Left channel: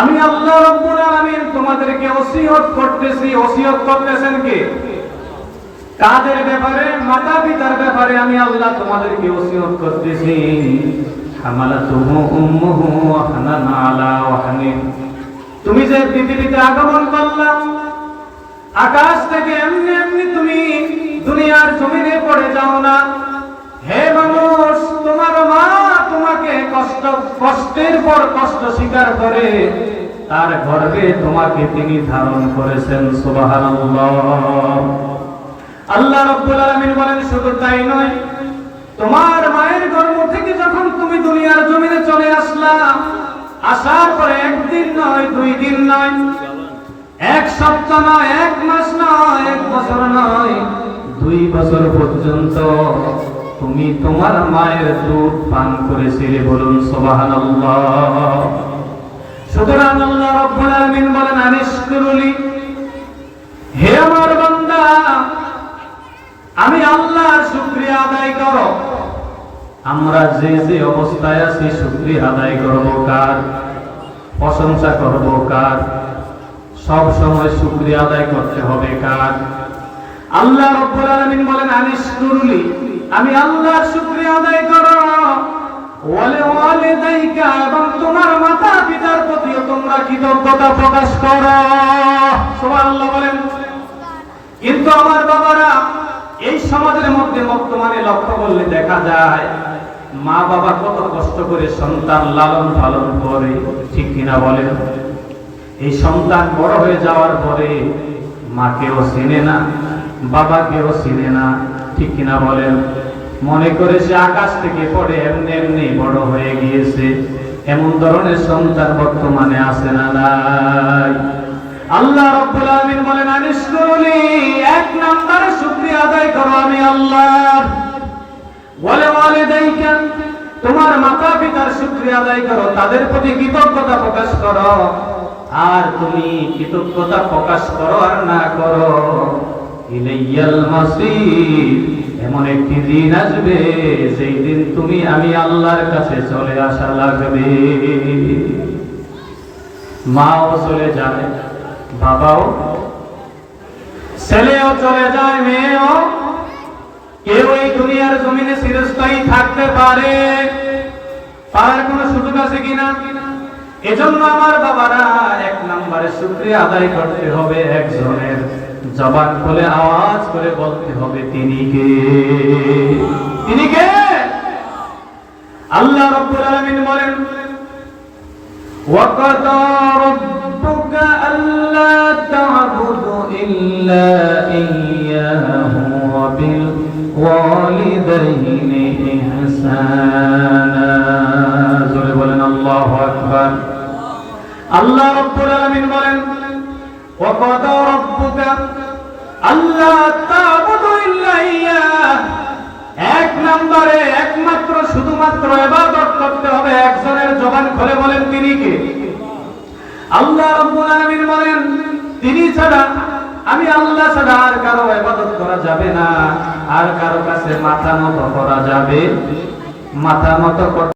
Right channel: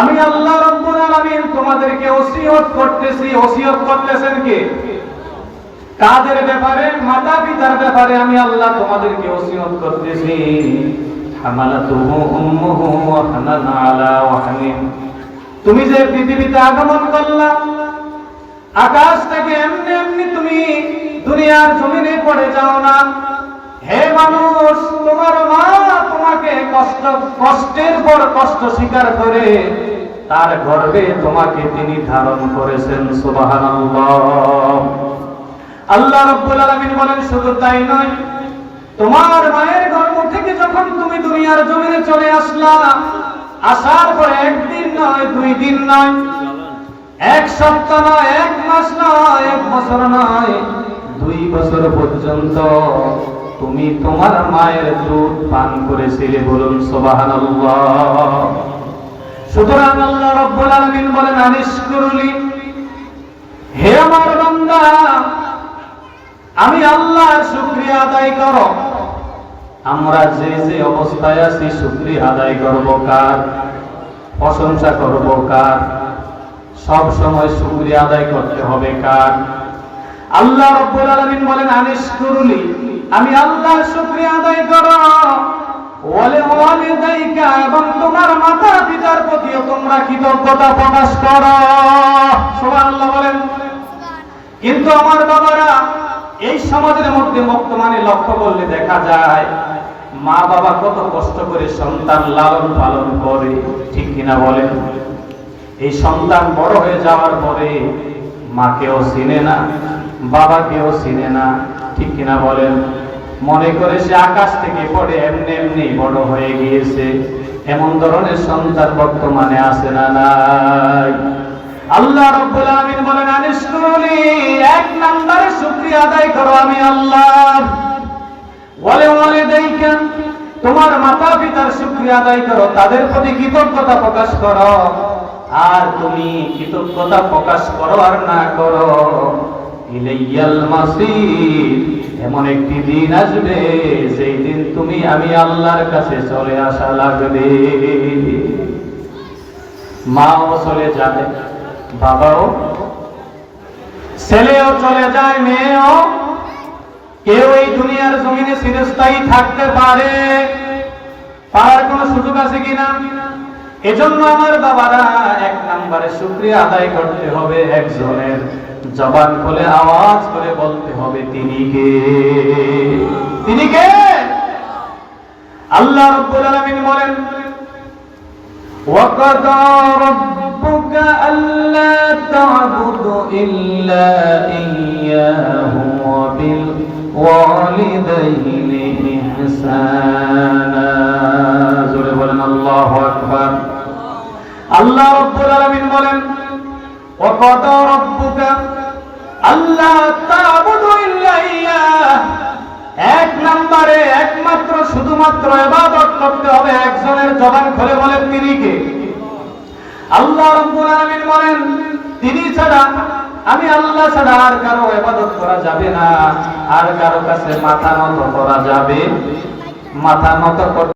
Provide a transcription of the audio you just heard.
আমি আল্লাহ রাব্বুল আলামিন তোমাদেরকে ওসিয়ত করতেছি। ওসিয়ত করতেছেন কে? কাদের ব্যাপারে? মাতা পিতার ব্যাপারে আমি আল্লাহ তোমাদেরকে ওসিয়ত করতেছি। হামালাতুহু উম্মুহু ওয়াহনান আলা ওয়াহনিন। তুমি যে পৃথিবীতে আগমন করলা, আকাশ থেকে এমনি এমনি তুমি দুনিয়ার জমিনে পড়ে যাও না। হে মানুষ, তোমার মা তোমাকে কষ্টের পর কষ্ট স্বীকার করে তার গর্ভে তোমাকে তিনি ধারণ করেছেন। সুবহানাল্লাহ। আল্লাহ রাব্বুল আলামিন বলেন, শুধু তাই নয়, তোমার মায়ের গর্ভ থেকে যখন তুমি দুনিয়ার জমিনে চলে আসলা, আসার পরে একদিন নয়, 2 দিন নয়, 1 সপ্তাহ নয়, 1 মাস নয়, 1 বছর নয়, 2 বছর পর্যন্ত তুমি তোমার মায়ের দুধ পান করেছিলে। বলুন সুবহানাল্লাহ। সুতরাং আল্লাহ রাব্বুল আলামিন বলেন, আনিশকুরলি, হে আমার বান্দা, আমি আল্লাহর শুকরিয়া আদায় করো। আমরা যে যে অবস্থায় আছি শুকরিয়া আদায় করব কার? প্রশংসা করব কার? সব সময় শুকরিয়া আদায় করতে হবে কার? আল্লাহ রাব্বুল আলামিন বলেন, আনিশকুরলি, আমি আল্লাহর শুকরিয়া আদায় করো। ওয়ালি ওয়ালিদাইকা, এবং তোমার মাতা পিতার প্রতিও তোমরা কৃতজ্ঞতা প্রকাশ করো। সুবহানাল্লাহ বলেন। কিন্তু আমার বাবারা, এই সমাজের মধ্যে বর্তমানে লক্ষ্য করলে দেখা যায় মা বাবা কত কষ্ট করে সন্তান লালন পালন করে, ঠিক কিনা বলেন? এই সন্তান বড় হয়ে যাওয়ার পরে মাকেও চিনে না, বাবাকেও চিনে না, ঠিক কিনা বলেন? মনে করে সে আকাশ থেকে পড়ে এমনি এমনি বড় হয়ে গিয়েছে। এমন ধরনের সন্তান বর্তমানে আছে না নাই? আল্লাহ রাব্বুল আলামিন বলেন, আনিশকুরলি, 1 নম্বরে শুকরিয়া আদায় করো আমি আল্লাহ। ওয়ালি ওয়ালিদাইকা, তোমার মাতা পিতার শুকরিয়া আদায় করো, তাদের প্রতি কৃতজ্ঞতা প্রকাশ করো। আর তুমি কৃতজ্ঞতা প্রকাশ করো আর না করো, ইলাইয়াল মাসির, এমন একটি দিন আসবে সেই দিন তুমি আমি আল্লাহর কাছে চলে আসা লাগবে। মাও চলে যাবে, বাবাও, ছেলেও চলে যায়, মেয়েও। কেউ এই দুনিয়ার জমিনে চিরস্থায়ী থাকতে পারে? পারার কোন সুযোগ আছে কিনা? এজন্য আমার বাবারা, 1 নম্বরে শুকরিয়া আদায় করতে হবে একজনের। জবান খুলে আওয়াজ করে বলতে হবে, তিনি কে? তিনি কে? আল্লাহ রাব্বুল আলামিন বলেন, ওয়াকাদা রাব্বুকা আল্লা তা'বুদু ইল্লা ইয়্যাহু ওয়া বিল ওয়ালিদাইনি ইহসানা। জোরে বলেন আল্লাহু আকবার। আল্লাহ রাব্বুল আলামিন বলেন, ওয়াকাদা রাব্বুকা আল্লা তা'বুদু ইল্লা ইয়্যাহ, 1 নম্বরে একমাত্র শুধুমাত্র ইবাদত করতে হবে একজনের। জবান খুলে বলেন, তিনি কে? আল্লাহ রাব্বুল আলামিন বলেন, তিনি ছাড়া, আমি আল্লাহ ছাড়া আর কারো ইবাদত করা যাবে না, আর কারো কাছে মাথা নত করা যাবে, মাথা নত